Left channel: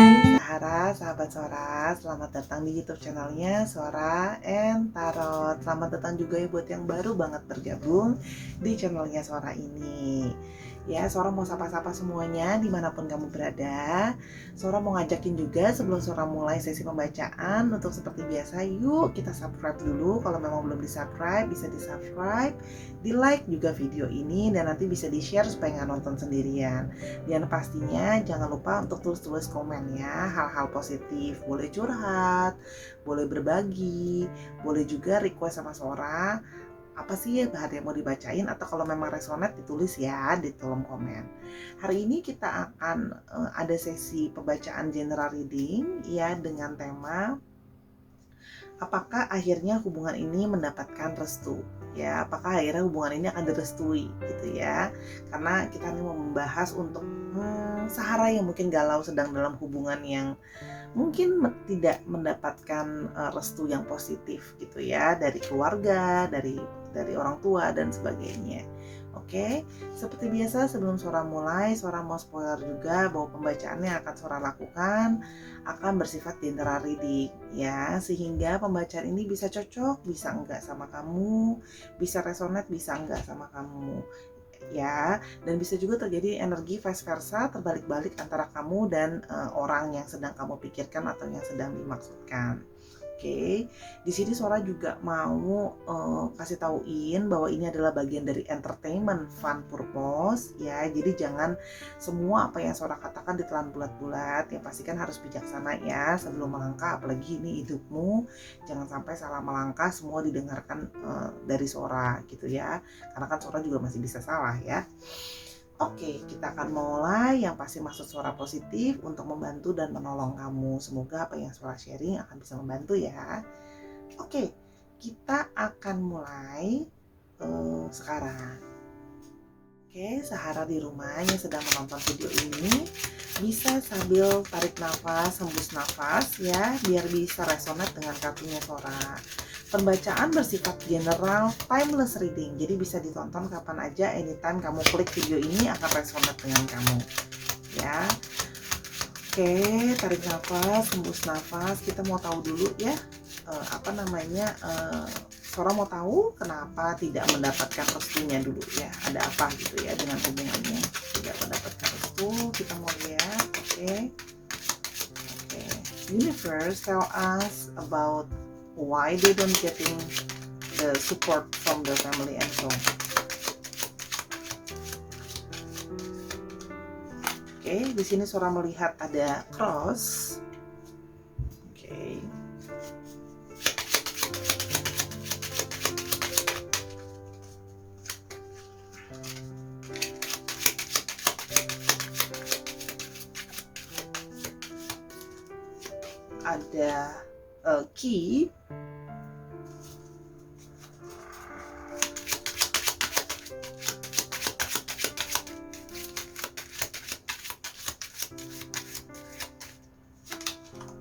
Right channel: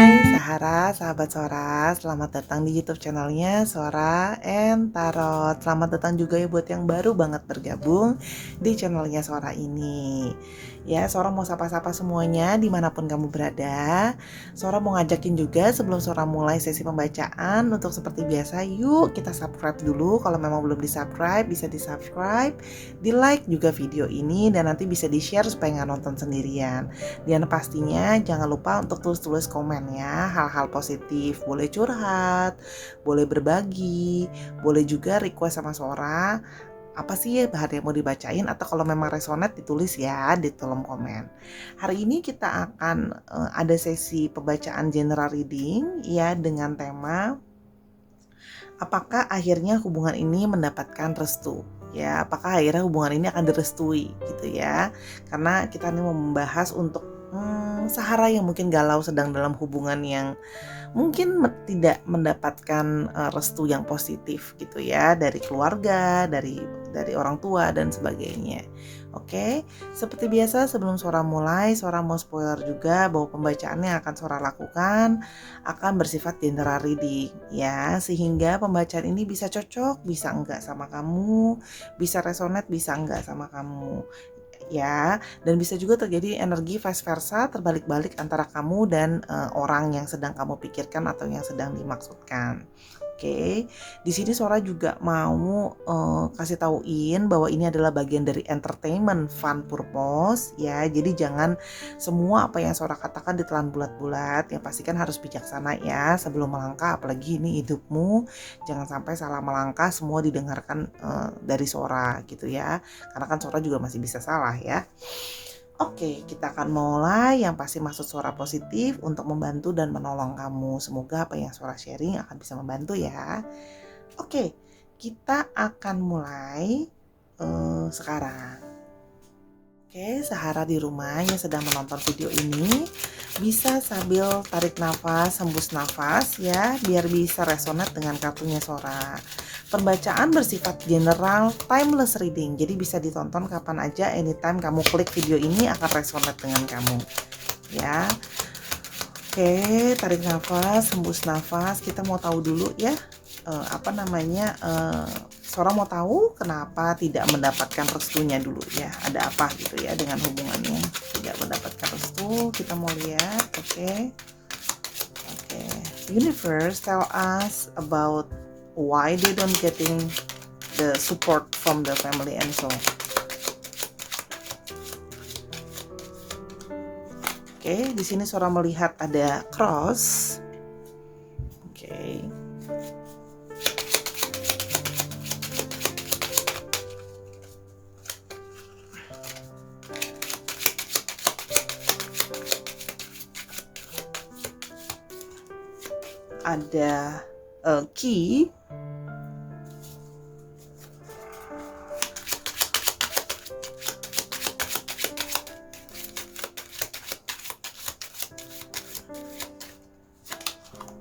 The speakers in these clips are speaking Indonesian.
Hai Sahara, sahabat Sora, selamat datang di YouTube channelnya Sora and Tarot. Selamat datang juga ya buat yang baru banget bergabung di channelnya Sora ini. Ya, Sora mau sapa-sapa semuanya dimanapun kamu berada. Sora mau ngajakin juga sebelum Sora mulai sesi pembacaan, untuk seperti biasa yuk kita subscribe dulu. Kalau memang belum di-subscribe, bisa di-subscribe, di-like juga video ini, dan nanti bisa di-share supaya nggak nonton sendirian. Dan pastinya jangan lupa untuk tulis-tulis komen ya, hal-hal positif, boleh curhat, boleh berbagi, boleh juga request sama Sora apa sih bahan yang mau dibacain, atau kalau memang resonate ditulis ya di kolom komen. Hari ini kita akan ada sesi pembacaan general reading ya, dengan tema apakah akhirnya hubungan ini mendapatkan restu ya, apakah akhirnya hubungan ini akan direstui gitu ya, karena kita ini mau membahas untuk Sahara yang mungkin galau sedang dalam hubungan yang mungkin tidak mendapatkan restu yang positif gitu ya, dari keluarga, dari orang tua dan sebagainya. Oke, seperti biasa sebelum Sora mulai, Sora mau spoiler juga bahwa pembacaan yang akan Sora lakukan akan bersifat general reading ya, sehingga pembacaan ini bisa cocok, bisa enggak sama kamu, bisa resonate, bisa enggak sama kamu ya, dan bisa juga terjadi energi vice versa, terbalik-balik antara kamu dan orang yang sedang kamu pikirkan atau yang sedang dimaksudkan. Oke, di sini Sora juga mau kasih tauin bahwa ini adalah bagian dari entertainment fun purpose ya. Jadi jangan semua apa yang Sora katakan ditelan bulat-bulat. Yang pastikan harus bijaksana ya sebelum melangkah. Apalagi ini hidupmu, jangan sampai salah melangkah semua didengarkan dari Sora gitu ya. Karena kan Sora juga masih bisa salah ya. Oke, kita akan mulai. Yang pasti maksud Sora positif untuk membantu dan menolong kamu. Semoga apa yang Sora sharing akan bisa membantu ya. Oke, kita akan mulai sekarang. Oke, Sahara di rumah yang sedang menonton video ini bisa sambil tarik nafas, hembus nafas ya, biar bisa resonate dengan kartunya Sora. Pembacaan bersifat general, timeless reading, jadi bisa ditonton kapan aja, anytime kamu klik video ini akan resonate dengan kamu ya. Oke, tarik nafas, hembus nafas. Kita mau tahu dulu ya, Sora mau tahu kenapa tidak mendapatkan restunya dulu ya, ada apa gitu ya dengan hubungannya tidak mendapatkan restu. Kita mau lihat. Oke. Universe tell us about why they don't getting the support from the family and so on. Oke, di sini Sora melihat ada cross. Oke. Ada key.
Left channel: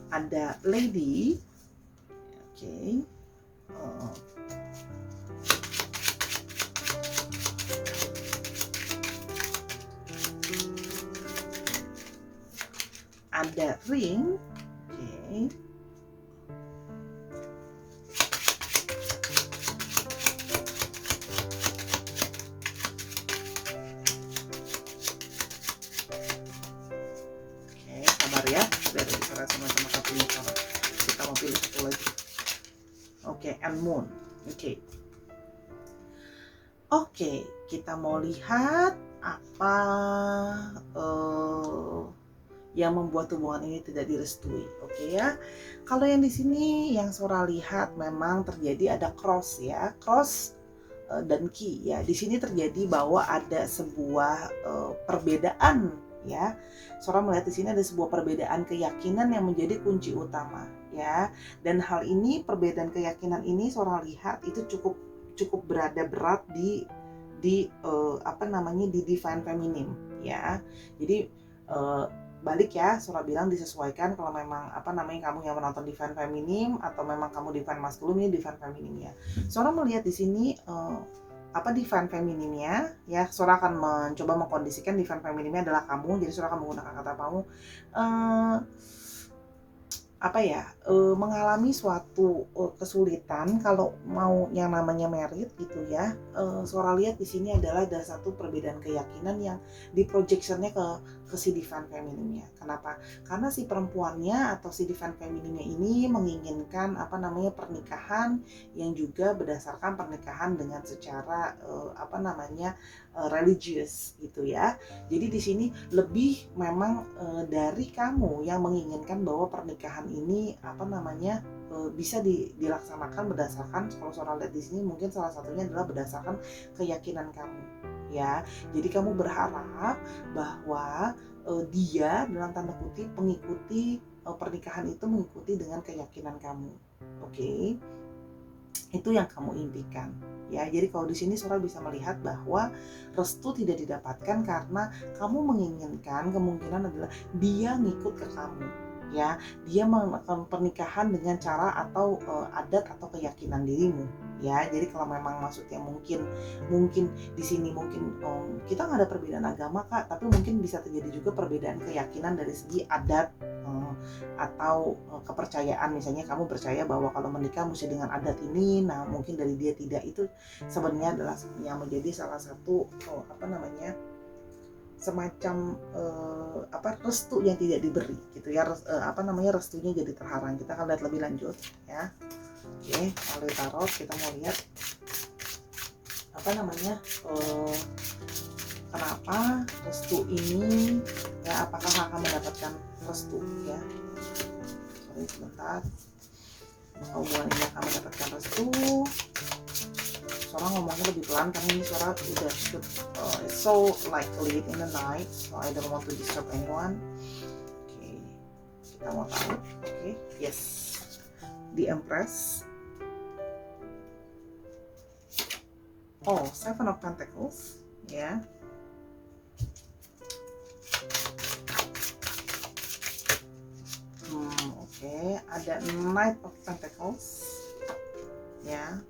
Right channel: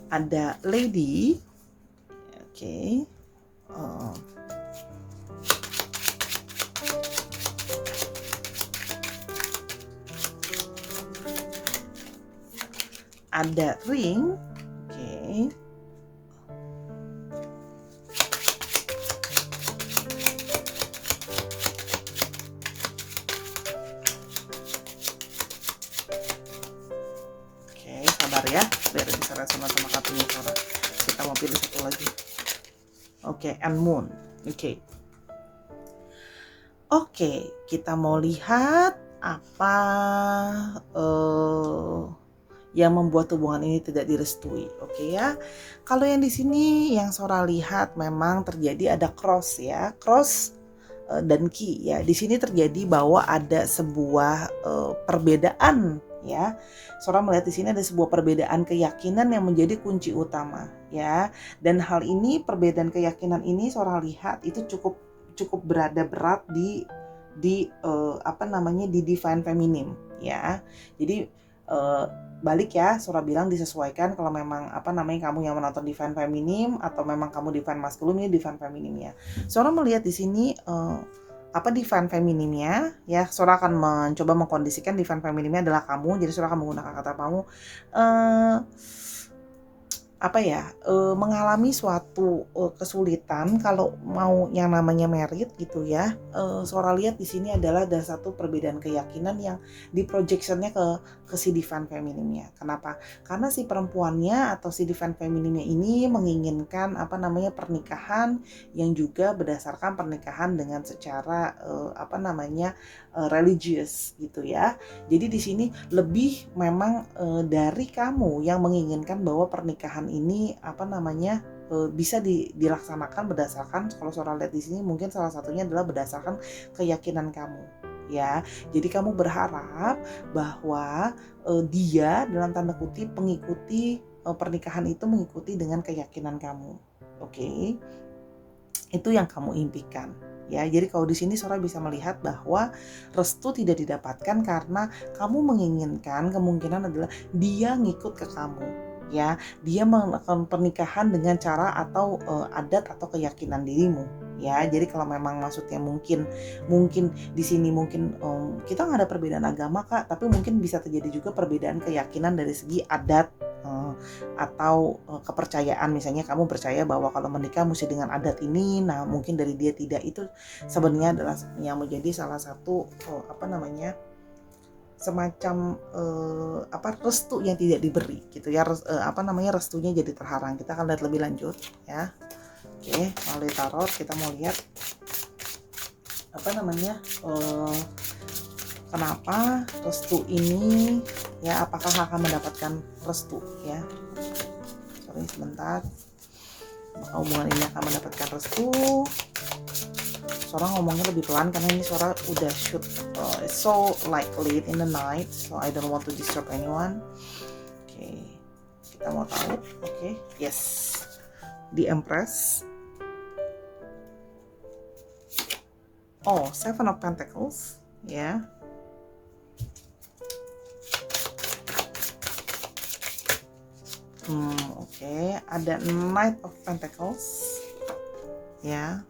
Ada lady. Oke. Ada ring. Oke. Sabar ya, biar bisa resonate sama kartunya Sora. Kita mau pilih satu lagi. Oke, and moon. Oke, kita mau lihat apa yang membuat hubungan ini tidak direstui. Oke ya. Kalau yang di sini yang Sora lihat memang terjadi ada cross ya, cross dan key ya. Di sini terjadi bahwa ada sebuah perbedaan ya. Sora melihat di sini ada sebuah perbedaan keyakinan yang menjadi kunci utama ya. Dan hal ini, perbedaan keyakinan ini Sora lihat itu cukup berada berat di divine feminine ya. Jadi balik ya, Sora bilang disesuaikan kalau memang kamu yang menonton divine feminine atau memang kamu divine masculine, ini divine feminine ya. Sora melihat di sini divine femininnya ya. Sora akan mencoba mengkondisikan divine femininnya adalah kamu. Jadi Sora akan menggunakan kata kamu eh mengalami suatu kesulitan kalau mau yang namanya merit gitu ya. Sora lihat di sini adalah ada satu perbedaan keyakinan yang di projectionnya ke si divine femininnya. Kenapa? Karena si perempuannya atau si divine femininnya ini menginginkan pernikahan yang juga berdasarkan pernikahan dengan secara religius gitu ya. Jadi di sini lebih memang dari kamu yang menginginkan bahwa pernikahan ini bisa dilaksanakan berdasarkan, kalau seorang lihat di sini mungkin salah satunya adalah berdasarkan keyakinan kamu ya. Jadi kamu berharap bahwa dia dalam tanda kutip mengikuti pernikahan itu mengikuti dengan keyakinan kamu. Oke. Itu yang kamu impikan ya. Jadi kalau di sini Sora bisa melihat bahwa restu tidak didapatkan karena kamu menginginkan, kemungkinan adalah dia ngikut ke kamu ya. Dia melakukan pernikahan dengan cara atau adat atau keyakinan dirimu ya. Jadi kalau memang maksudnya mungkin di sini mungkin kita nggak ada perbedaan agama Kak, tapi mungkin bisa terjadi juga perbedaan keyakinan dari segi adat atau kepercayaan. Misalnya kamu percaya bahwa kalau menikah mesti dengan adat ini, nah mungkin dari dia tidak. Itu sebenarnya adalah yang menjadi salah satu semacam restu yang tidak diberi gitu ya. Restunya jadi terhalang. Kita akan lihat lebih lanjut ya. Oke, melalui tarot kita mau lihat kenapa restu ini ya, apakah akan mendapatkan restu ya. Sorry sebentar, hubungan ini akan mendapatkan restu. Sora ngomongnya lebih pelan karena ini Sora udah shoot so like late in the night, so I don't want to disturb anyone. Oke, kita mau tahu. Oke, yes, the Empress. Oh, Seven of Pentacles ya. Oke, ada Knight of Pentacles ya.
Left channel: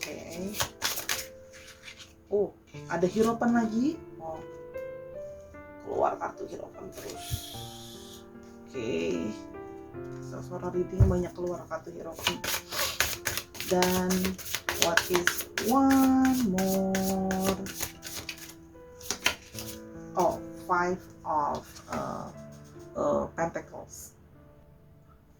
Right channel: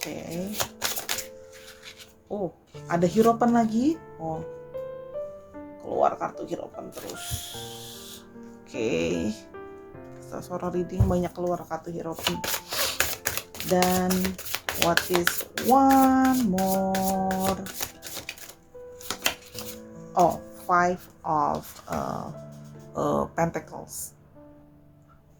Oke. Oh, ada Hierophant lagi. Oh, keluar kartu Hierophant terus. Oke. Sora reading banyak keluar kartu Hierophant. Dan what is one more? Oh, Five of Pentacles.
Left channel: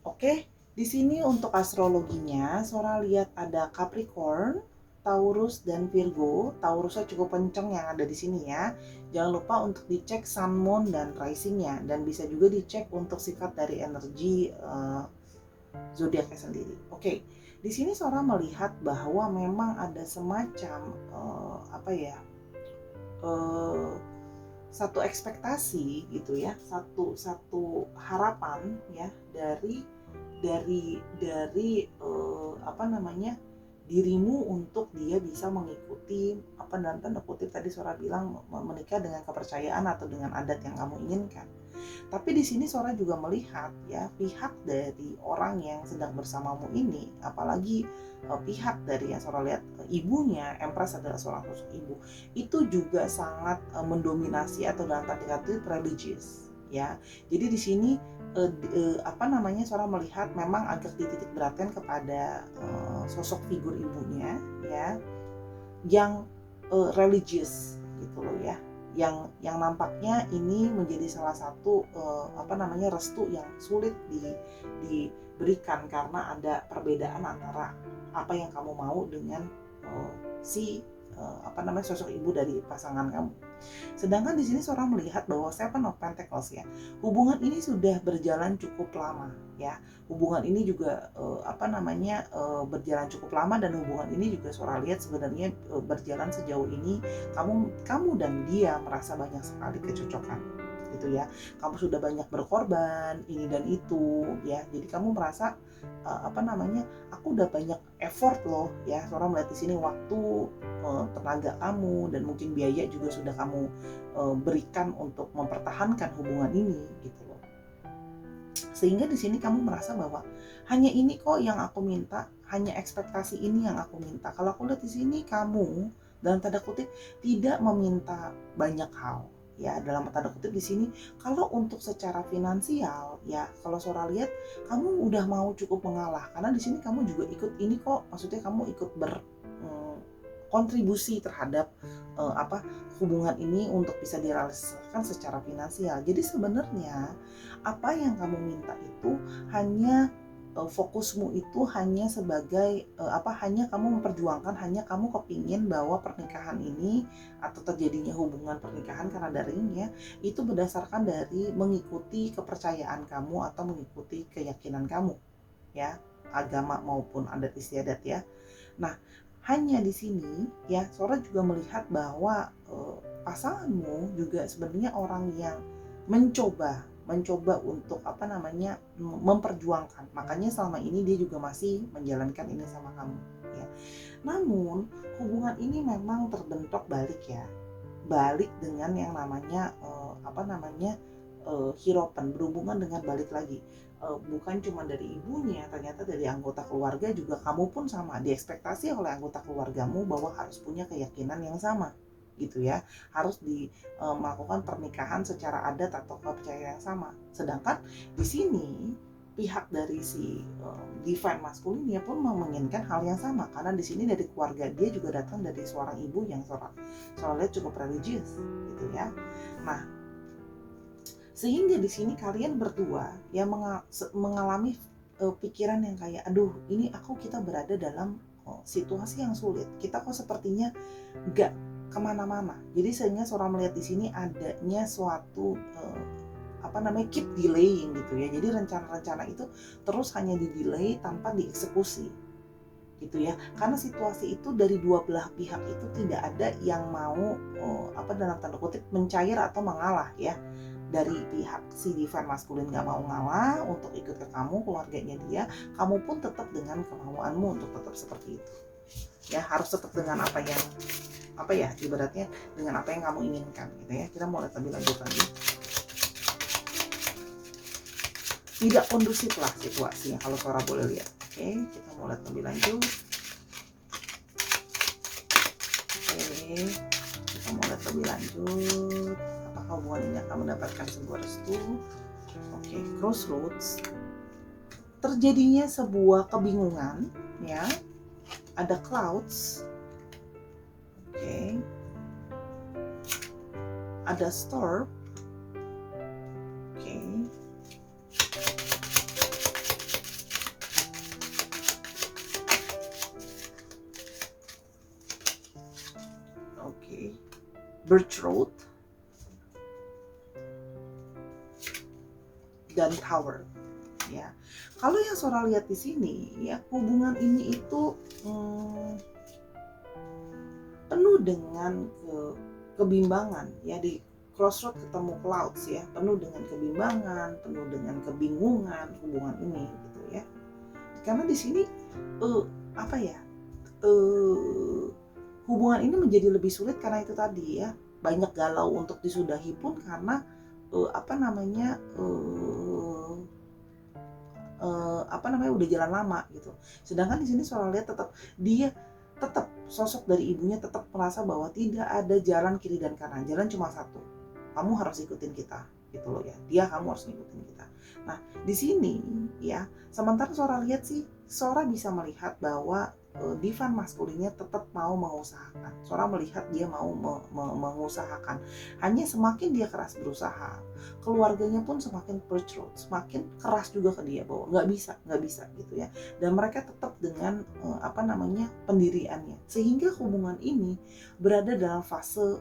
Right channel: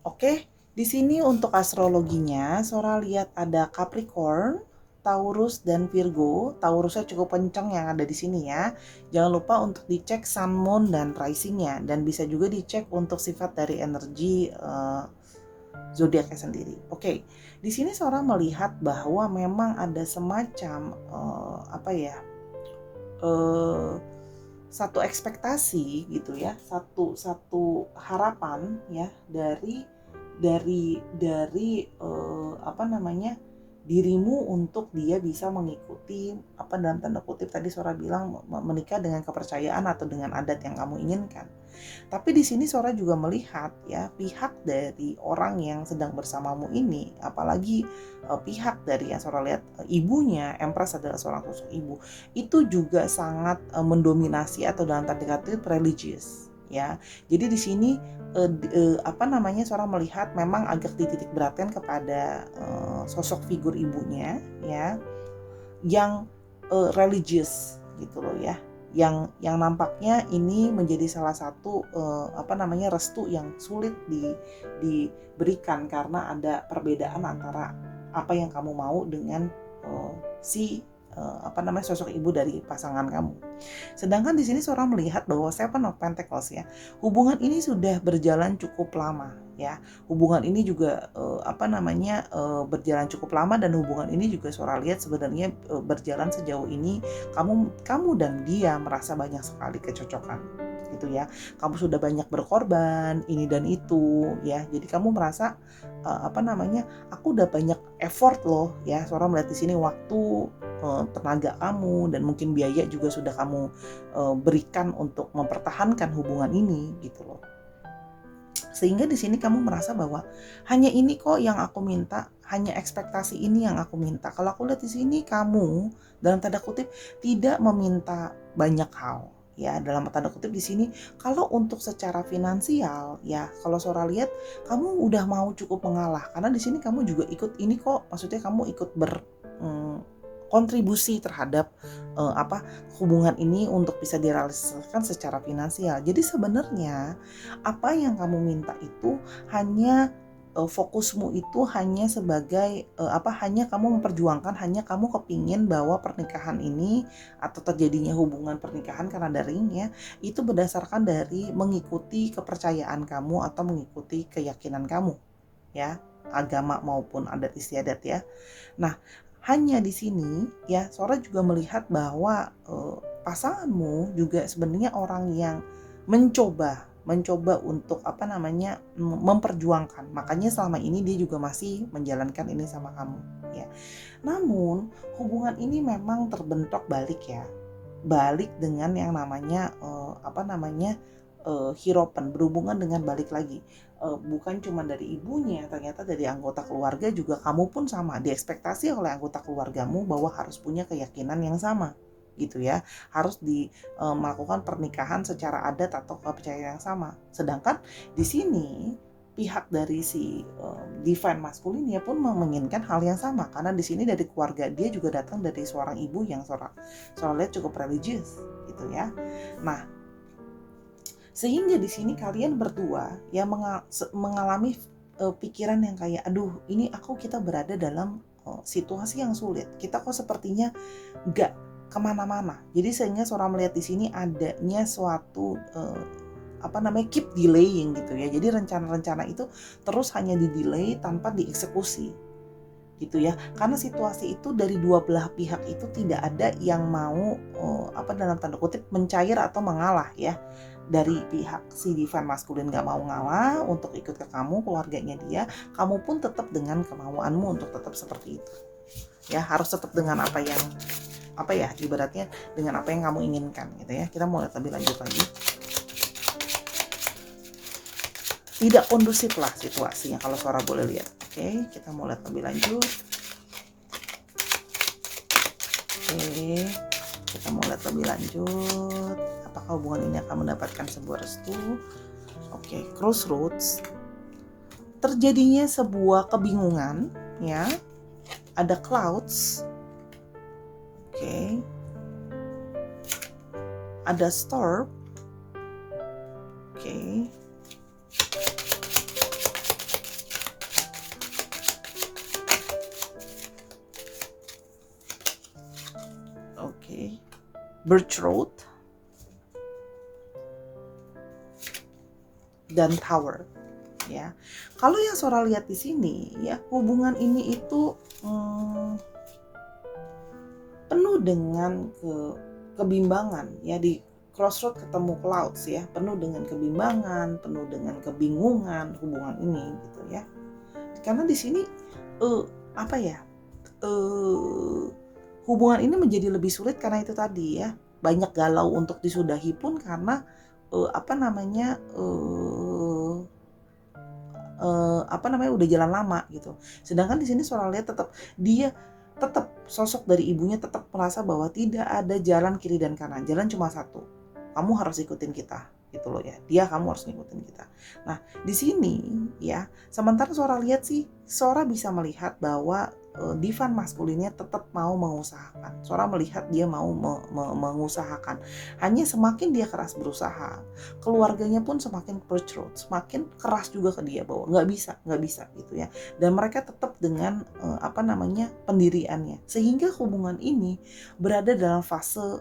Oke, di sini untuk astrologinya, Sora lihat ada Capricorn, Taurus dan Virgo. Taurusnya cukup kenceng yang ada di sini ya. Jangan lupa untuk dicek Sun, Moon dan Risingnya, dan bisa juga dicek untuk sifat dari energi zodiaknya sendiri. Oke, di sini Sora melihat bahwa memang ada semacam satu ekspektasi gitu ya, satu harapan ya dari dirimu untuk dia bisa mengikuti dalam tanda kutip tadi Sora bilang menikah dengan kepercayaan atau dengan adat yang kamu inginkan. Tapi di sini Sora juga melihat ya, pihak dari orang yang sedang bersamamu ini, apalagi pihak dari yang Sora lihat ibunya, Empress adalah seorang sosok ibu, itu juga sangat mendominasi atau dalam tanda kutip religius ya. Jadi di sini Sora melihat memang agak dititik beratkan kepada sosok figur ibunya ya, yang religius gitu loh ya, yang nampaknya ini menjadi salah satu restu yang sulit diberikan karena ada perbedaan antara apa yang kamu mau dengan sosok ibu dari pasangan kamu. Sedangkan di sini Sora melihat bahwa Seven of Pentacles ya, hubungan ini sudah berjalan cukup lama ya. Hubungan ini juga berjalan cukup lama, dan hubungan ini juga Sora lihat sebenarnya berjalan sejauh ini kamu dan dia merasa banyak sekali kecocokan gitu ya. Kamu sudah banyak berkorban ini dan itu ya. Jadi kamu merasa aku udah banyak effort loh ya. Sora melihat di sini waktu, tenaga kamu, dan mungkin biaya juga sudah kamu berikan untuk mempertahankan hubungan ini gitu loh. Sehingga di sini kamu merasa bahwa hanya ini kok yang aku minta, hanya ekspektasi ini yang aku minta. Kalau aku lihat di sini kamu dalam tanda kutip tidak meminta banyak hal. Ya, dalam tanda kutip di sini kalau untuk secara finansial ya, kalau Sora lihat kamu udah mau cukup mengalah karena di sini kamu juga ikut ini kok, maksudnya kamu ikut kontribusi terhadap hubungan ini untuk bisa direalisasikan secara finansial. Jadi sebenarnya apa yang kamu minta itu hanya fokusmu itu hanya sebagai hanya kamu memperjuangkan, hanya kamu kepingin bahwa pernikahan ini atau terjadinya hubungan pernikahan karena daring ya, itu berdasarkan dari mengikuti kepercayaan kamu atau mengikuti keyakinan kamu ya, agama maupun adat istiadat ya. Nah, hanya di sini ya Sora juga melihat bahwa pasanganmu juga sebenarnya orang yang mencoba untuk memperjuangkan. Makanya selama ini dia juga masih menjalankan ini sama kamu ya. Namun hubungan ini memang terbentuk balik ya. Balik dengan yang namanya hiropen, berhubungan dengan balik lagi. Bukan cuma dari ibunya, ternyata dari anggota keluarga juga kamu pun sama, diekspektasi oleh anggota keluargamu bahwa harus punya keyakinan yang sama gitu ya, harus melakukan pernikahan secara adat atau kepercayaan yang sama. Sedangkan di sini pihak dari si divine masculine pun menginginkan hal yang sama, karena di sini dari keluarga dia juga datang dari seorang ibu yang lihat cukup religius gitu ya. Nah, sehingga di sini kalian berdua ya mengalami pikiran yang kayak aduh ini kita berada dalam situasi yang sulit, kita kok sepertinya gak kemana-mana. Jadi sehingga Sora melihat di sini adanya suatu keep delaying gitu ya. Jadi rencana-rencana itu terus hanya di-delay tanpa dieksekusi gitu ya. Karena situasi itu dari dua belah pihak itu tidak ada yang mau dalam tanda kutip mencair atau mengalah ya. Dari pihak si divine masculine gak mau ngalah untuk ikut ke kamu, keluarganya dia, kamu pun tetap dengan kemauanmu untuk tetap seperti itu ya, harus tetap dengan ibaratnya dengan apa yang kamu inginkan gitu ya. Kita mau lihat lebih lanjut lagi. Tidak kondusif lah situasinya kalau Sora boleh lihat. Oke, kita mau lihat lebih lanjut. Oke, kita mau lihat lebih lanjut. Apakah hubungan ini akan mendapatkan sebuah restu? Oke, crossroads. Terjadinya sebuah kebingungan ya. Ada clouds. Oke. Ada storm. Oke. Oke. Birch road. Dan tower ya. Kalau yang Sora lihat di sini ya, hubungan ini itu penuh dengan kebimbangan ya. Di crossroad ketemu clouds ya, penuh dengan kebimbangan, penuh dengan kebingungan hubungan ini gitu ya. Karena di sini hubungan ini menjadi lebih sulit karena itu tadi ya, banyak galau untuk disudahi pun karena udah jalan lama gitu. Sedangkan di sini Sora lihat tetap sosok dari ibunya tetap merasa bahwa tidak ada jalan kiri dan kanan, jalan cuma satu, kamu harus ikutin kita gitu loh ya, kamu harus ngikutin kita. Nah di sini ya, sementara Sora lihat sih, Sora bisa melihat bahwa divine masculine tetap mau mengusahakan. Sora melihat dia mau mengusahakan. Hanya semakin dia keras berusaha, keluarganya pun semakin bercerut, semakin keras juga ke dia bahwa nggak bisa gitu ya. Dan mereka tetap dengan pendiriannya, sehingga hubungan ini berada dalam fase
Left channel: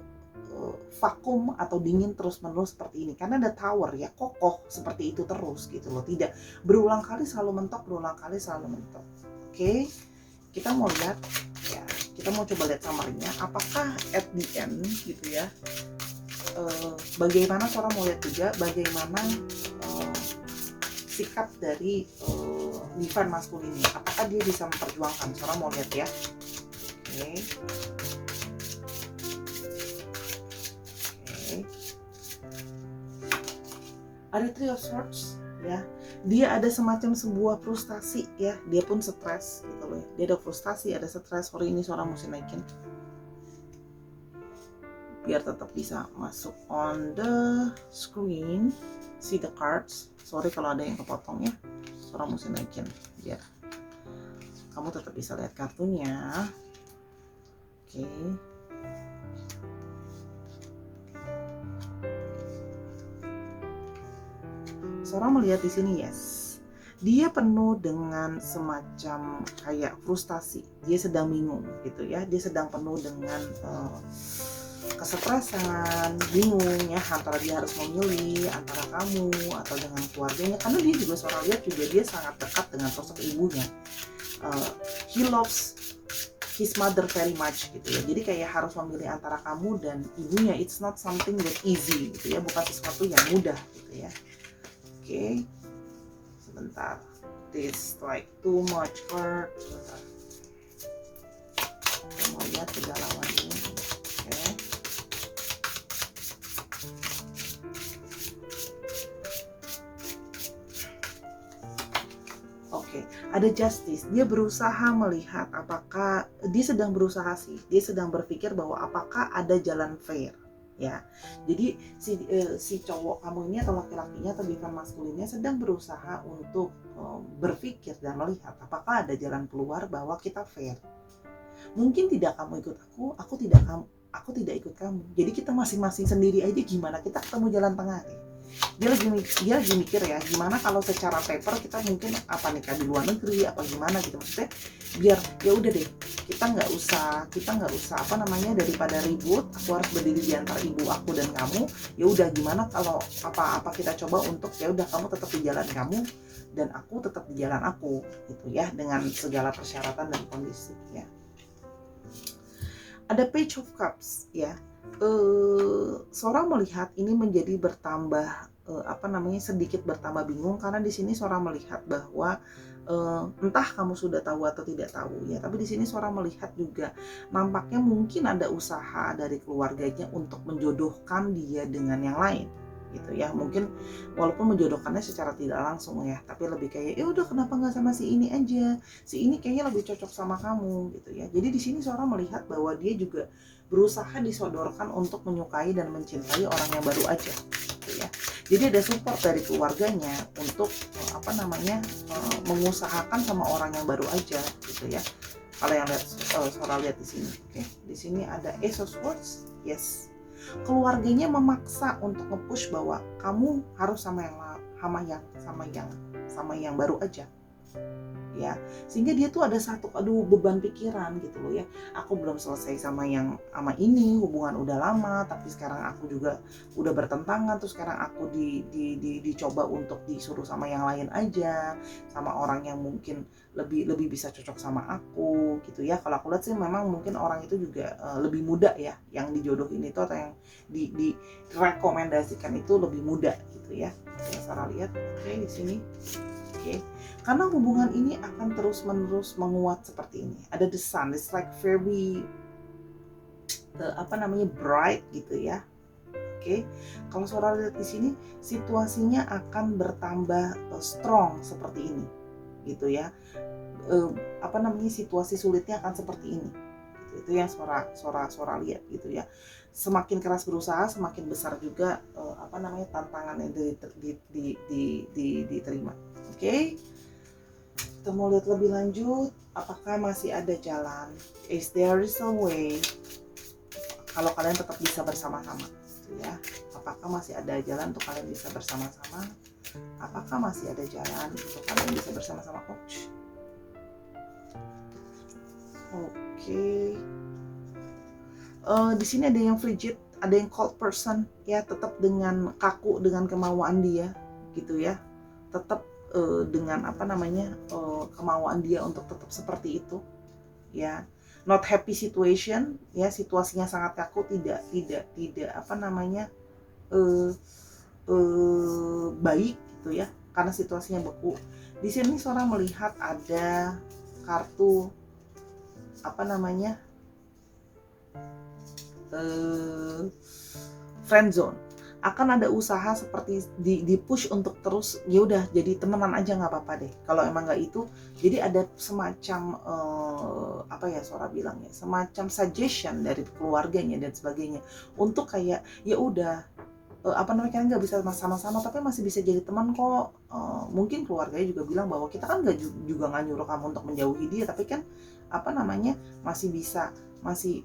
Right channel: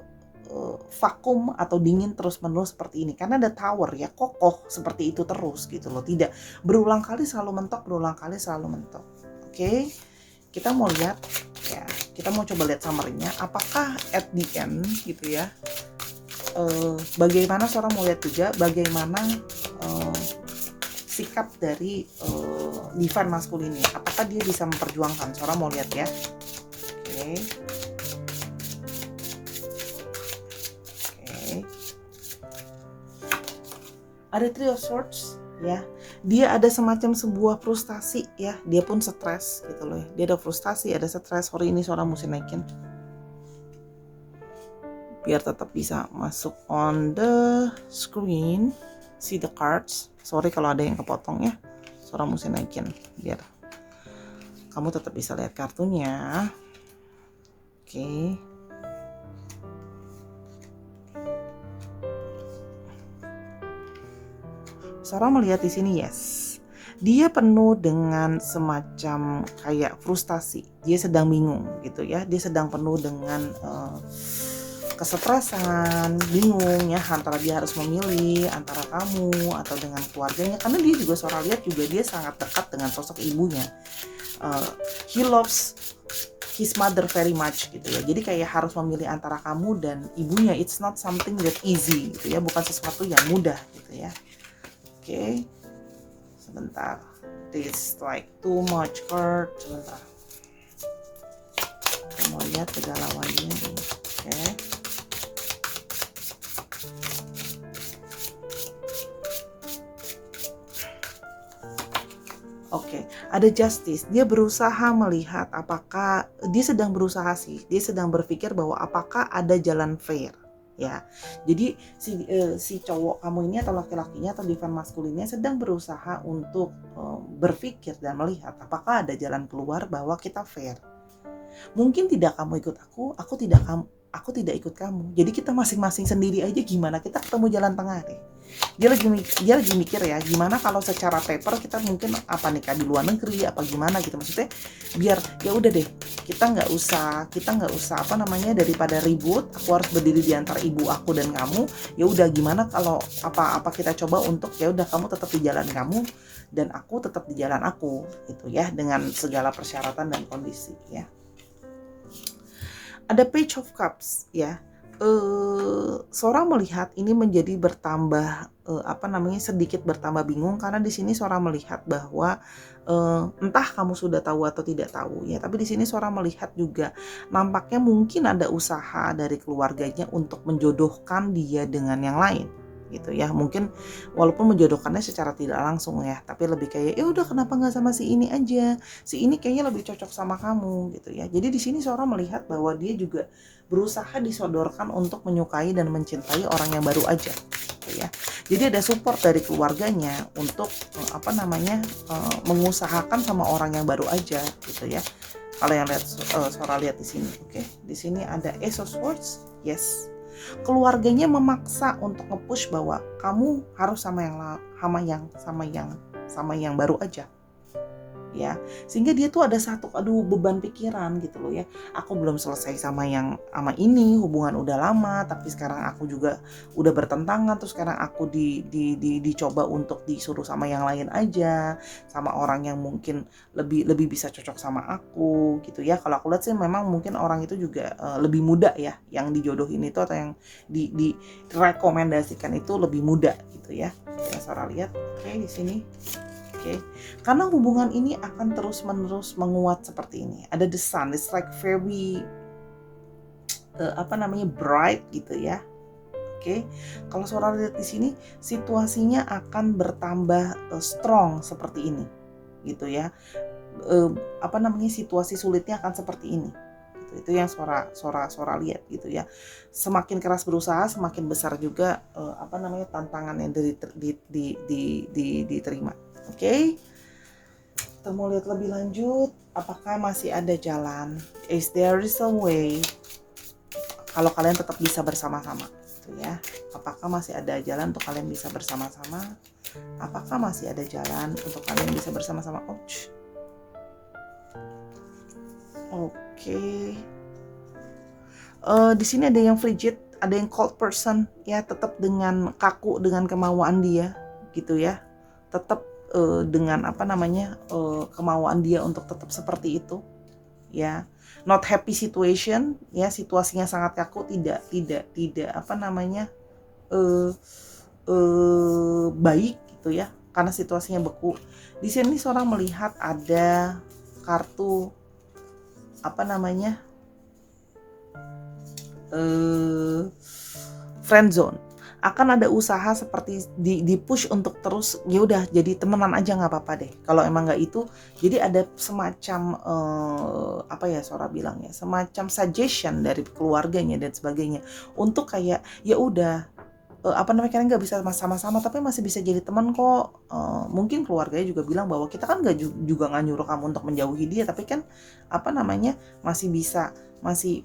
vakum atau dingin terus-menerus seperti ini. Karena ada tower ya, kokoh seperti itu terus gitu loh. Tidak berulang kali selalu mentok. Oke. Kita mau lihat ya, kita mau coba lihat summary-nya, apakah at the end gitu ya, bagaimana Sora mau lihat juga bagaimana sikap dari divine masculine ini, apakah dia bisa memperjuangkan. Sora mau lihat ya. Oke. Ada Three of Swords ya. Dia ada semacam sebuah frustasi ya, dia pun stres gitu loh. Dia ada frustasi, ada stres. Sorry, ini seorang mesti naikin biar tetap bisa masuk on the screen, see the cards. Sorry kalau ada yang kepotong ya, seorang mesti naikin biar kamu tetap bisa lihat kartunya. Oke. Seorang melihat di sini, yes, dia penuh dengan semacam kayak frustasi. Dia sedang bingung gitu ya. Dia sedang penuh dengan kesetresan, bingung ya, antara dia harus memilih antara kamu atau dengan keluarganya, karena dia juga seorang lihat juga dia sangat dekat dengan sosok ibunya. He loves his mother very much gitu ya. Jadi kayak harus memilih antara kamu dan ibunya. It's not something that easy gitu ya, bukan sesuatu yang mudah gitu ya. Oke. Sebentar. This like too much card. Sebentar. Kita mau lihat kegalauannya. Oke. Oke, ada justice. Dia berusaha melihat apakah dia sedang berusaha sih. Dia sedang berpikir bahwa apakah ada jalan fair, ya. Jadi si cowok kamu ini atau laki-lakinya atau divine maskulinnya sedang berusaha untuk berpikir dan melihat apakah ada jalan keluar bahwa kita fair. Mungkin tidak kamu ikut aku tidak ikut kamu. Jadi kita masing-masing sendiri aja gimana kita ketemu jalan tengah deh. Dia lagi mikir ya, gimana kalau secara paper kita mungkin apa nikah di luar negeri apa gimana gitu, maksudnya biar ya udah deh, kita nggak usah apa namanya, daripada ribut aku harus berdiri di antara ibu aku dan kamu, ya udah gimana kalau apa kita coba untuk ya udah kamu tetap di jalan kamu dan aku tetap di jalan aku gitu ya, dengan segala persyaratan dan kondisi ya. Ada Page of Cups ya. Seorang melihat ini menjadi bertambah sedikit bertambah bingung, karena di sini seorang melihat bahwa entah kamu sudah tahu atau tidak tahu ya, tapi di sini seorang melihat juga nampaknya mungkin ada usaha dari keluarganya untuk menjodohkan dia dengan yang lain gitu ya. Mungkin walaupun menjodohkannya secara tidak langsung ya, tapi lebih kayak ya udah kenapa nggak sama si ini aja, si ini kayaknya lebih cocok sama kamu gitu ya. Jadi di sini seorang melihat bahwa dia juga berusaha disodorkan untuk menyukai dan mencintai orang yang baru aja gitu ya. Jadi ada support dari keluarganya untuk mengusahakan sama orang yang baru aja gitu ya. Kalau yang lihat Sora lihat di sini, oke. Di sini ada Ace of Swords, yes. Keluarganya memaksa untuk nge-push bahwa kamu harus sama yang baru aja. Ya, sehingga dia tuh ada satu beban pikiran gitu loh ya. Aku belum selesai sama ini, hubungan udah lama, tapi sekarang aku juga udah bertentangan, terus sekarang aku dicoba untuk disuruh sama yang lain aja, sama orang yang mungkin lebih bisa cocok sama aku gitu ya. Kalau aku lihat sih memang mungkin orang itu juga lebih muda ya, yang dijodohin itu atau yang direkomendasikan itu lebih muda gitu ya. Yang Sarah lihat, oke, di sini. Oke. Karena hubungan ini akan terus-menerus menguat seperti ini. Ada the sun, it's like very bright gitu ya. Oke. Kalau seorang lihat di sini, situasinya akan bertambah strong seperti ini. Gitu ya. Situasi sulitnya akan seperti ini. Gitu. Itu yang suara lihat gitu ya. Semakin keras berusaha, semakin besar juga tantangan yang diterima. Oke. Kita mau lihat lebih lanjut, apakah masih ada jalan? Is there is a way? Kalau kalian tetap bisa bersama-sama, gitu ya. Apakah masih ada jalan untuk kalian bisa bersama-sama? Apakah masih ada jalan untuk kalian bisa bersama-sama? Oke. Di sini ada yang frigid, ada yang cold person, ya, tetap dengan kaku dengan kemauan dia, gitu ya. Tetap dengan kemauan dia untuk tetap seperti itu ya, not happy situation ya, situasinya sangat kaku, tidak baik gitu ya, karena situasinya beku. Di sini seorang melihat ada kartu friend zone. akan ada usaha seperti di push untuk terus ya udah jadi temenan aja nggak apa-apa deh. Kalau emang nggak itu, jadi ada semacam apa ya Sora bilang ya, semacam suggestion dari keluarganya dan sebagainya untuk kayak ya udah apa namanya, kalian nggak bisa sama-sama tapi masih bisa jadi teman kok. Mungkin keluarganya juga bilang bahwa kita kan nggak juga nggak nyuruh kamu untuk menjauhi dia, tapi kan apa namanya masih bisa masih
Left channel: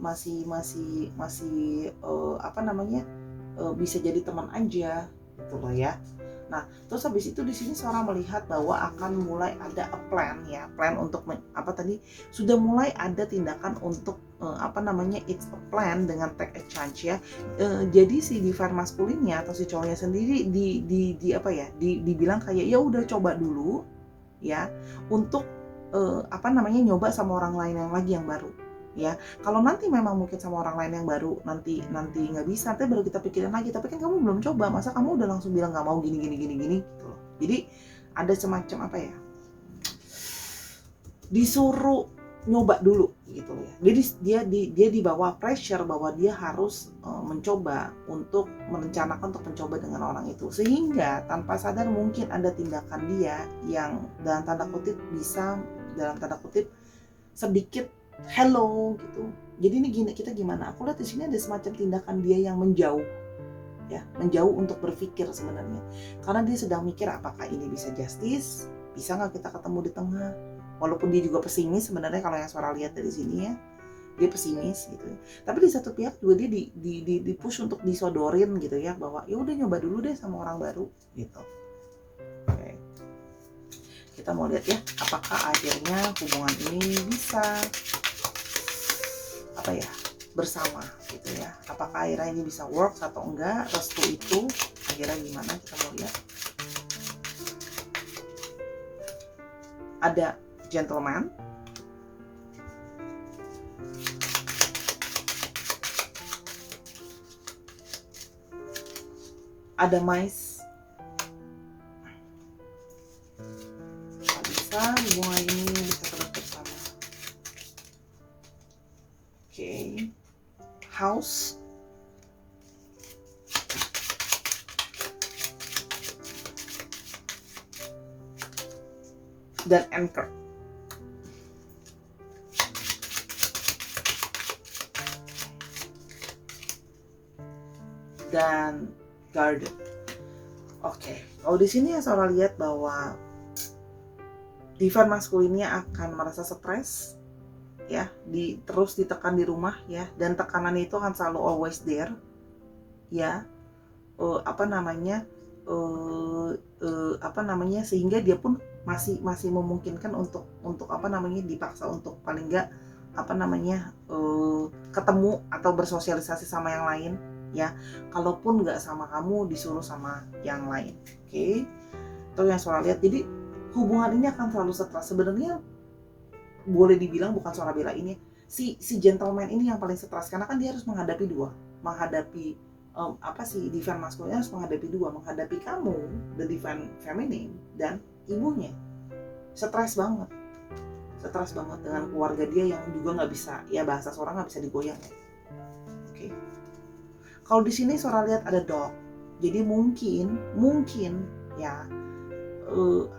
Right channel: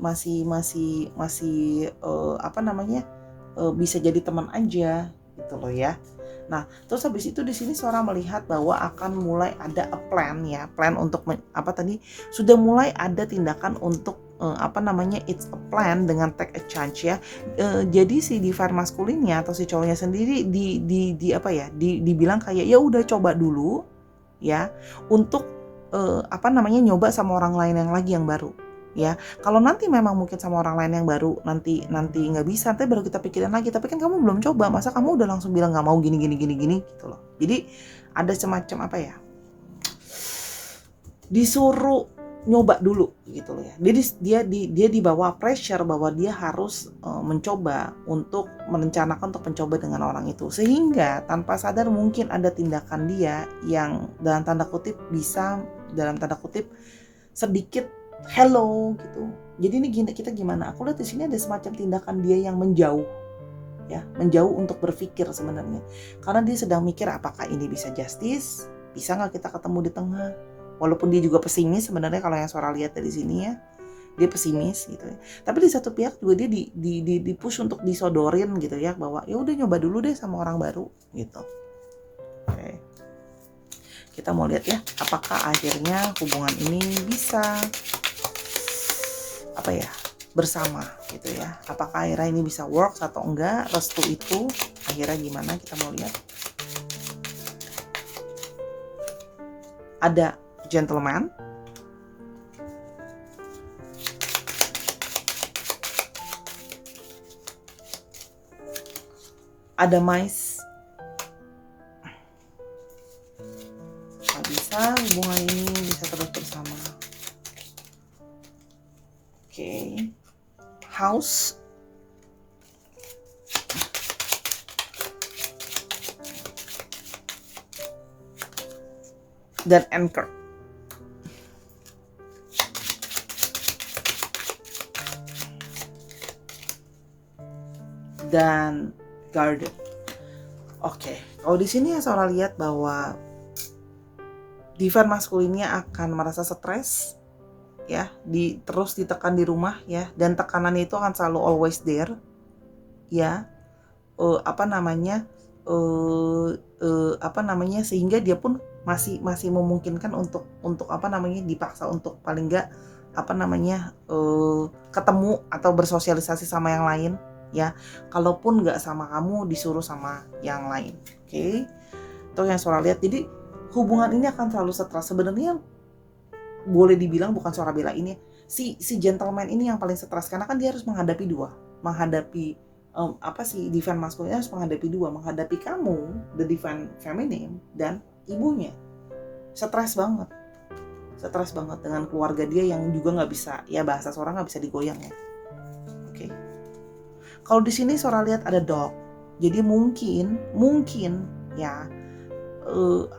apa namanya bisa jadi teman aja gitu loh ya. Nah, terus habis itu di sini seorang melihat bahwa akan mulai ada a plan ya, plan untuk apa tadi sudah mulai ada tindakan untuk apa namanya it's a plan dengan take a chance ya. Jadi si divine maskulinnya atau si cowoknya sendiri di apa ya, dibilang kayak ya udah coba dulu ya untuk apa namanya nyoba sama orang lain yang lagi yang baru ya. Kalau nanti memang mungkin sama orang lain yang baru nanti nggak bisa, nanti baru kita pikirin lagi, tapi kan kamu belum coba, masa kamu udah langsung bilang nggak mau gini gitu loh. Jadi ada semacam apa ya, disuruh nyoba dulu gitu loh ya. Jadi dia dibawa pressure bahwa dia harus mencoba untuk merencanakan untuk mencoba dengan orang itu, sehingga tanpa sadar mungkin ada tindakan dia yang dalam tanda kutip bisa sedikit hello gitu. Jadi ini kita gimana? Aku lihat di sini ada semacam tindakan dia yang menjauh ya, menjauh untuk berpikir sebenarnya. Karena dia sedang mikir apakah ini bisa justice? Bisa nggak kita ketemu di tengah? Walaupun dia juga pesimis sebenarnya kalau yang Sora lihat dari sini ya. Dia pesimis gitu ya. Tapi di satu pihak juga dia di push untuk disodorin gitu ya, bahwa ya udah nyoba dulu deh sama orang baru gitu. Oke. Kita mau lihat ya, apakah akhirnya hubungan ini bisa apa ya bersama gitu ya, apakah akhirnya ini bisa work atau enggak, restu itu akhirnya gimana, kita mau lihat. Ada gentleman, ada mice, bisa hubungan ini bisa terus bersama. Oke. House, dan anchor. Dan garden. Oke, kalau di sini ya Sora lihat bahwa divine maskulinnya akan merasa stres ya, terus ditekan di rumah ya, dan tekanannya itu akan selalu always there ya. Apa namanya sehingga dia pun masih memungkinkan untuk apa namanya dipaksa untuk paling enggak apa namanya ketemu atau bersosialisasi sama yang lain ya. Kalaupun nggak sama kamu, disuruh sama yang lain. Oke. Itu yang Sora lihat. Jadi hubungan ini akan selalu stres. Sebenarnya boleh dibilang, bukan Sora bilang ini, si gentleman ini yang paling stres karena kan dia harus menghadapi divine masculine harus menghadapi menghadapi kamu, the divine feminine, dan ibunya. Stres banget dengan keluarga dia yang juga nggak bisa, ya bahasa Sora nggak bisa digoyang ya. Oke. Kalau di sini Sora lihat ada dog, jadi mungkin ya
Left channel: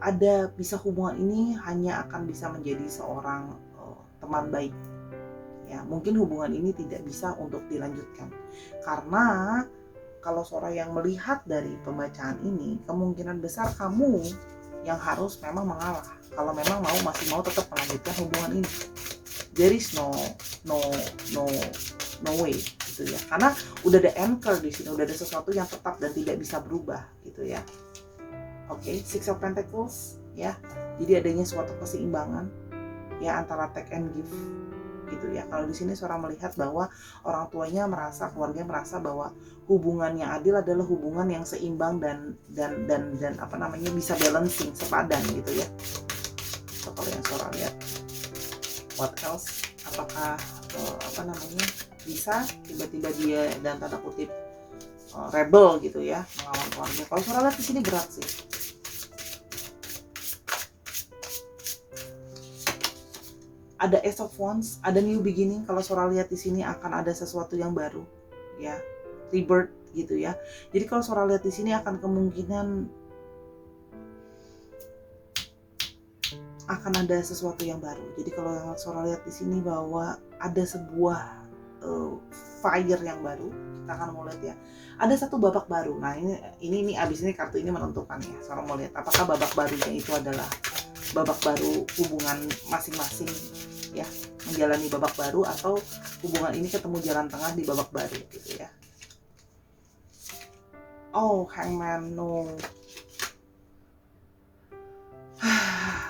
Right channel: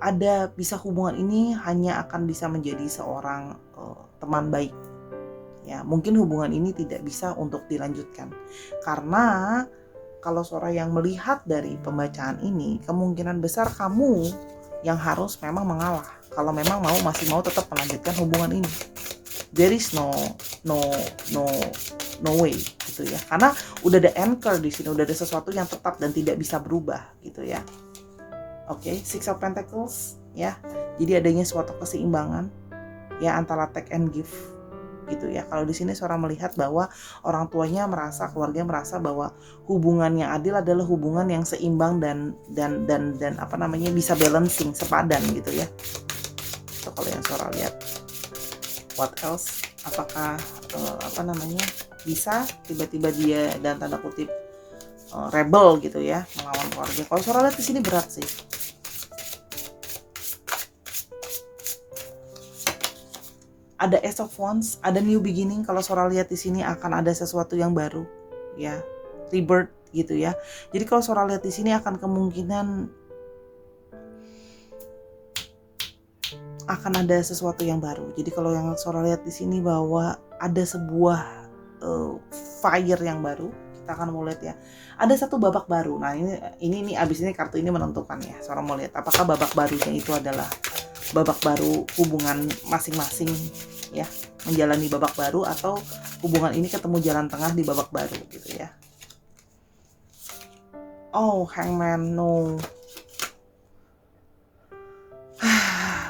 ada bisa hubungan ini hanya akan bisa menjadi seorang teman baik ya. Mungkin hubungan ini tidak bisa untuk dilanjutkan karena kalau Sora yang melihat dari pembacaan ini, kemungkinan besar kamu yang harus memang mengalah kalau memang masih mau tetap melanjutkan hubungan ini. There is no way gitu ya, karena udah ada anchor di sini, udah ada sesuatu yang tetap dan tidak bisa berubah gitu ya. Oke, Six of Pentacles ya. Jadi adanya suatu keseimbangan ya antara take and give gitu ya. Kalau di sini Sora melihat bahwa orang tuanya keluarga merasa bahwa hubungan yang adil adalah hubungan yang seimbang dan apa namanya bisa balancing, sepadan gitu ya. So, kalau yang Sora lihat, what else? Apakah apa namanya bisa tiba-tiba dia dan tanda kutip rebel gitu ya, melawan keluarga. Kalau Sora lihat di sini berat sih. Ada Ace of Wands, ada new beginning. Kalau Sora lihat di sini akan ada sesuatu yang baru ya, rebirth gitu ya. Jadi kalau Sora lihat di sini akan kemungkinan akan ada sesuatu yang baru. Jadi kalau yang Sora lihat di sini bahwa ada sebuah fire yang baru, kita akan mau lihat ya. Ada satu babak baru. Nah, ini abis ini kartu ini menentukan ya. Sora mau lihat apakah babak barunya itu adalah babak baru hubungan masing-masing ya, menjalani babak baru, atau hubungan ini ketemu jalan tengah di babak baru gitu ya. Oh, Hangman, no.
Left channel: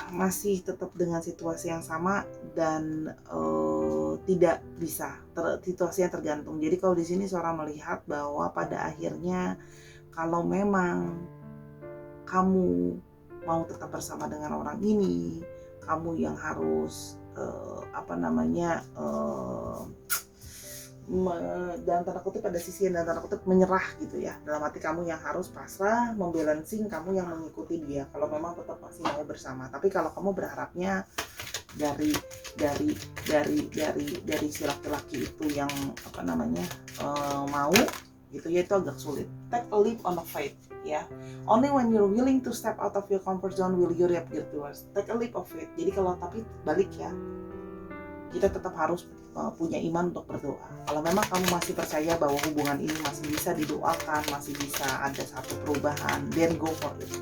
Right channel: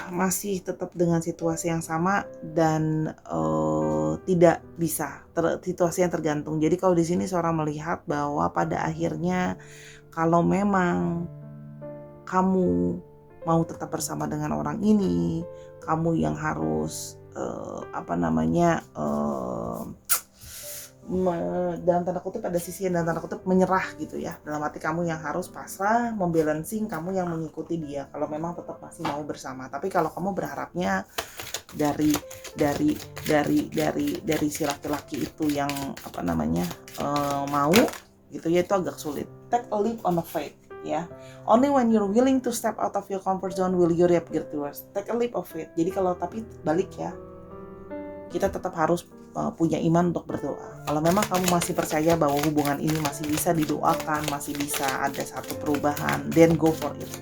Masih tetap dengan situasi yang sama dan tidak bisa, situasi yang tergantung. Jadi kalau di sini Sora melihat bahwa pada akhirnya kalau memang kamu mau tetap bersama dengan orang ini, kamu yang harus dalam tanda kutip ada sisi yang dalam tanda kutip menyerah gitu ya. Dalam arti kamu yang harus pasrah, membalancing, kamu yang mengikuti dia kalau memang tetap masih mau bersama. Tapi kalau kamu berharapnya dari si laki-laki itu yang mau gitu ya, itu agak sulit. Take a leap on a faith ya. Only when you're willing to step out of your comfort zone will you reap good rewards. Take a leap of faith. Jadi kalau tapi balik ya, kita tetap harus punya iman untuk berdoa. Kalau memang kamu masih percaya bahwa hubungan ini masih bisa didoakan, masih bisa ada satu perubahan, then go for it.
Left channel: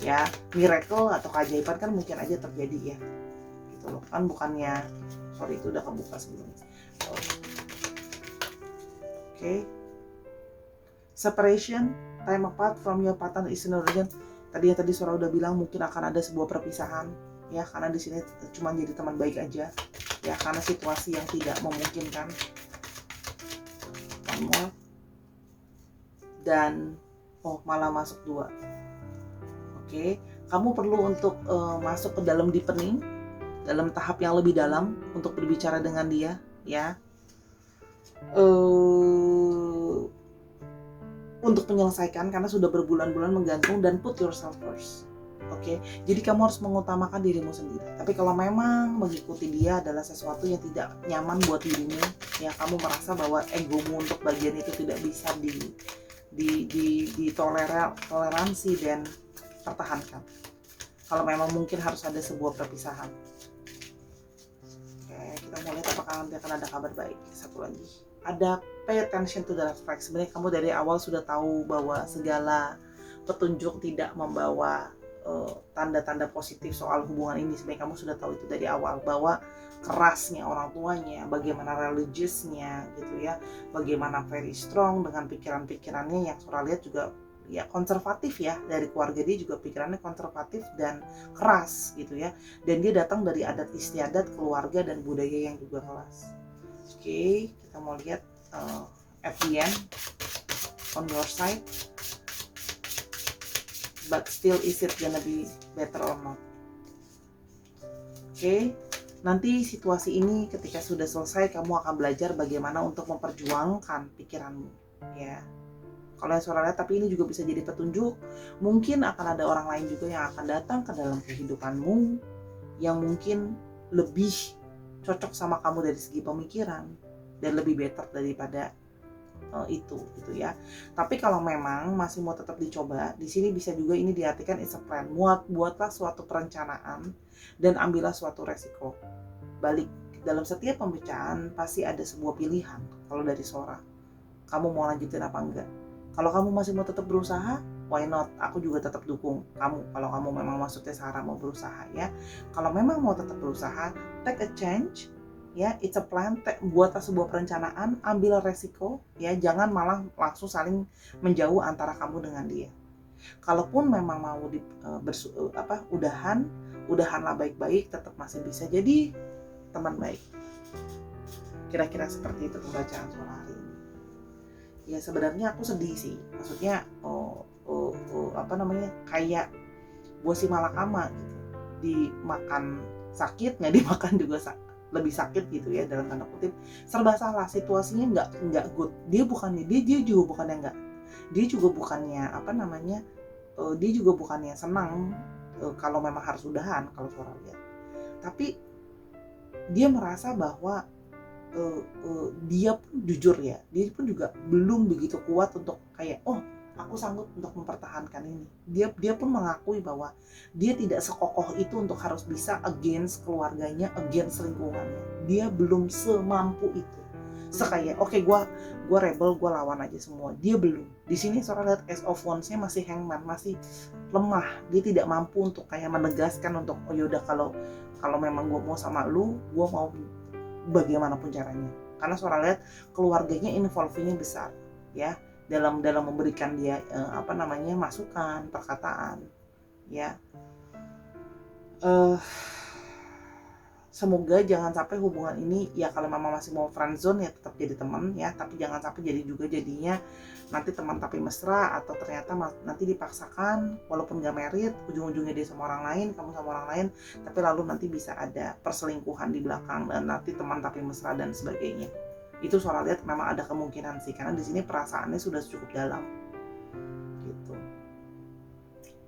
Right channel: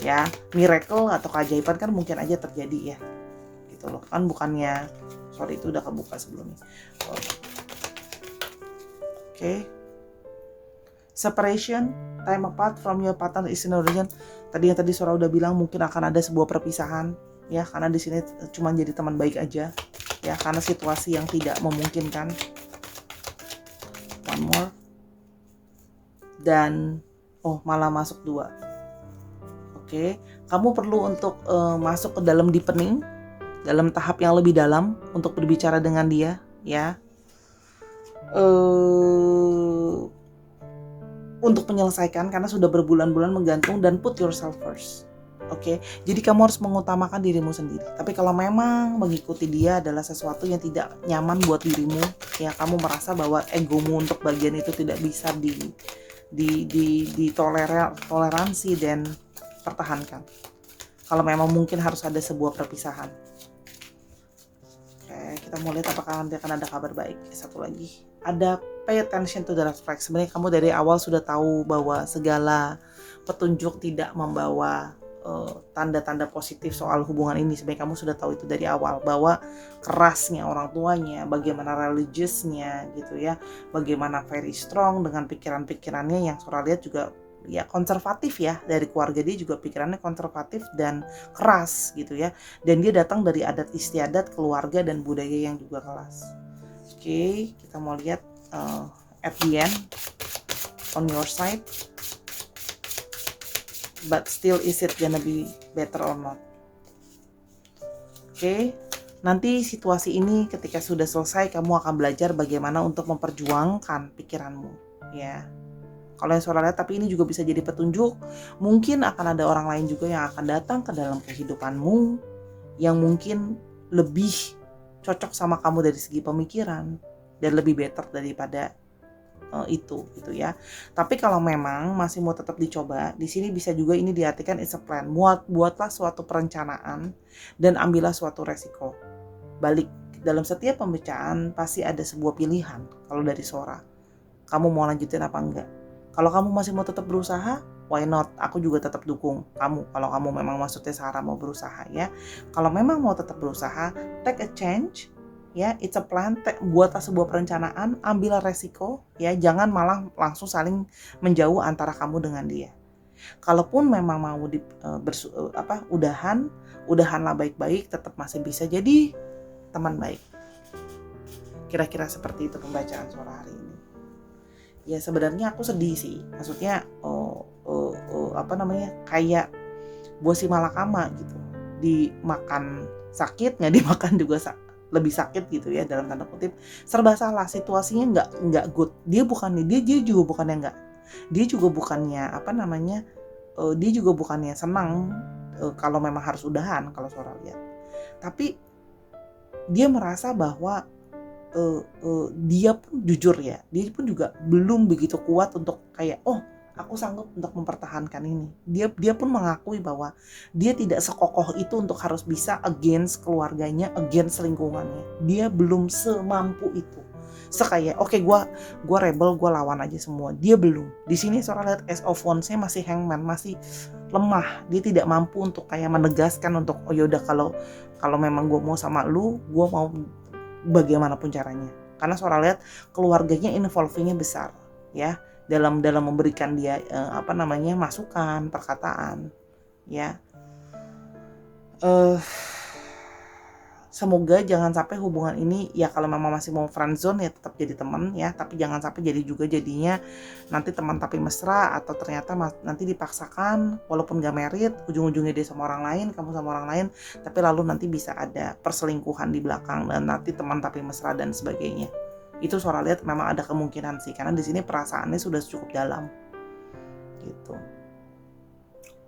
Ya, miracle atau keajaiban kan mungkin aja terjadi ya. Gitu loh. Kan bukannya, sorry itu udah kebuka sebelumnya. Oke. Separation, time apart from your partner is no reason. Tadi Sora udah bilang mungkin akan ada sebuah perpisahan ya, karena di sini cuma jadi teman baik aja. Ya, karena situasi yang tidak memungkinkan. One more. Dan malah masuk 2. Oke, kamu perlu untuk masuk ke dalam deepening, dalam tahap yang lebih dalam untuk berbicara dengan dia ya. Untuk menyelesaikan, karena sudah berbulan-bulan menggantung, dan put yourself first. Oke, jadi kamu harus mengutamakan dirimu sendiri. Tapi kalau memang mengikuti dia adalah sesuatu yang tidak nyaman buat dirimu, ya kamu merasa bahwa egomu untuk bagian itu tidak bisa toleransi dan pertahankan. Kalau memang mungkin harus ada sebuah perpisahan. Oke, kita mau lihat apakah nanti akan ada kabar baik. Satu lagi, ada pay attention to the red flag. Sebenarnya kamu dari awal sudah tahu bahwa segala petunjuk tidak membawa tanda-tanda positif soal hubungan ini. Sebenarnya kamu sudah tahu itu dari awal, bahwa kerasnya orang tuanya, bagaimana religiousnya gitu ya, bagaimana very strong dengan pikiran-pikirannya yang Sora lihat juga ya konservatif ya, dari keluarga dia juga pikirannya konservatif dan keras gitu ya, dan dia datang dari adat istiadat keluarga dan budaya yang juga keras. Oke, kita mau lihat at the end on your side. But still, is it gonna be better or not? Oke, nanti situasi ini ketika sudah selesai, kamu akan belajar bagaimana untuk memperjuangkan pikiranmu ya. Kalau yang Sora lihat, tapi ini juga bisa jadi petunjuk. Mungkin akan ada orang lain juga yang akan datang ke dalam kehidupanmu yang mungkin lebih cocok sama kamu dari segi pemikiran dan lebih better daripada itu gitu ya. Tapi kalau memang masih mau tetap dicoba, di sini bisa juga ini diartikan it's a plan. Buatlah suatu perencanaan dan ambillah suatu resiko. Balik, dalam setiap pembicaraan pasti ada sebuah pilihan. Kalau dari Sora, kamu mau lanjutin apa enggak? Kalau kamu masih mau tetap berusaha, why not? Aku juga tetap dukung kamu. Kalau kamu memang maksudnya Sarah mau berusaha ya. Kalau memang mau tetap berusaha, take a change. Ya, it's a plan. Buatlah sebuah perencanaan, ambil resiko ya, jangan malah langsung saling menjauh antara kamu dengan dia. Kalaupun memang mau udahanlah baik-baik, tetap masih bisa jadi teman baik. Kira-kira seperti itu pembacaan Sora hari ini. Ya sebenarnya aku sedih sih, maksudnya kayak Bosi Malakama gitu, dimakan sakit, nggak dimakan juga lebih sakit gitu ya, dalam tanda kutip. Serba salah, situasinya nggak good. Dia juga bukannya dia juga bukannya senang kalau memang harus udahan, kalau Sora lihat. Tapi dia merasa bahwa dia pun jujur ya, dia pun juga belum begitu kuat untuk kayak, "Oh, aku sanggup untuk mempertahankan ini." Dia pun mengakui bahwa dia tidak sekokoh itu untuk harus bisa against keluarganya, against lingkungannya. Dia belum semampu itu. Kayak, "Oke, gua rebel, gua lawan aja semua." Dia belum. Di sini Sora lihat Ace of Wands-nya masih hangman, masih lemah. Dia tidak mampu untuk kayak menegaskan untuk, "Oh ya udah, kalau memang gua mau sama lu, gua mau bagaimanapun caranya." Karena Sora lihat keluarganya involvingnya besar ya, dalam memberikan dia masukan, perkataan ya. Semoga jangan sampai hubungan ini, ya kalau memang masih mau friendzone ya tetap jadi teman ya, tapi jangan sampai jadinya nanti teman tapi mesra, atau ternyata nanti dipaksakan walaupun gak merit, ujung-ujungnya dia sama orang lain, kamu sama orang lain, tapi lalu nanti bisa ada perselingkuhan di belakang dan nanti teman tapi mesra dan sebagainya. Itu Sora lihat memang ada kemungkinan sih, karena di sini perasaannya sudah cukup dalam gitu.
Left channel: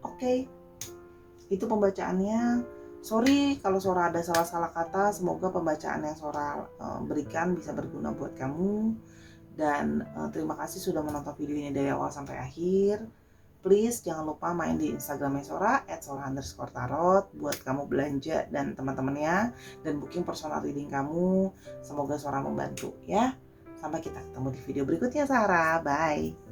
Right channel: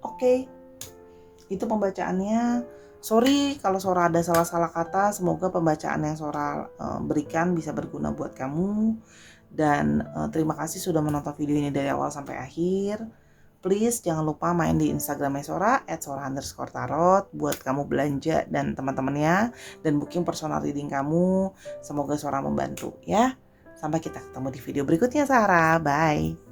Oke. Itu pembacaannya. Sorry kalau Sora ada salah-salah kata. Semoga pembacaan yang Sora berikan bisa berguna buat kamu. Dan terima kasih sudah menonton video ini dari awal sampai akhir. Please jangan lupa main di Instagramnya Sora @sora_tarot buat kamu belanja dan teman-temannya, dan booking personal reading kamu. Semoga Sora membantu ya. Sampai kita ketemu di video berikutnya, Sarah. Bye.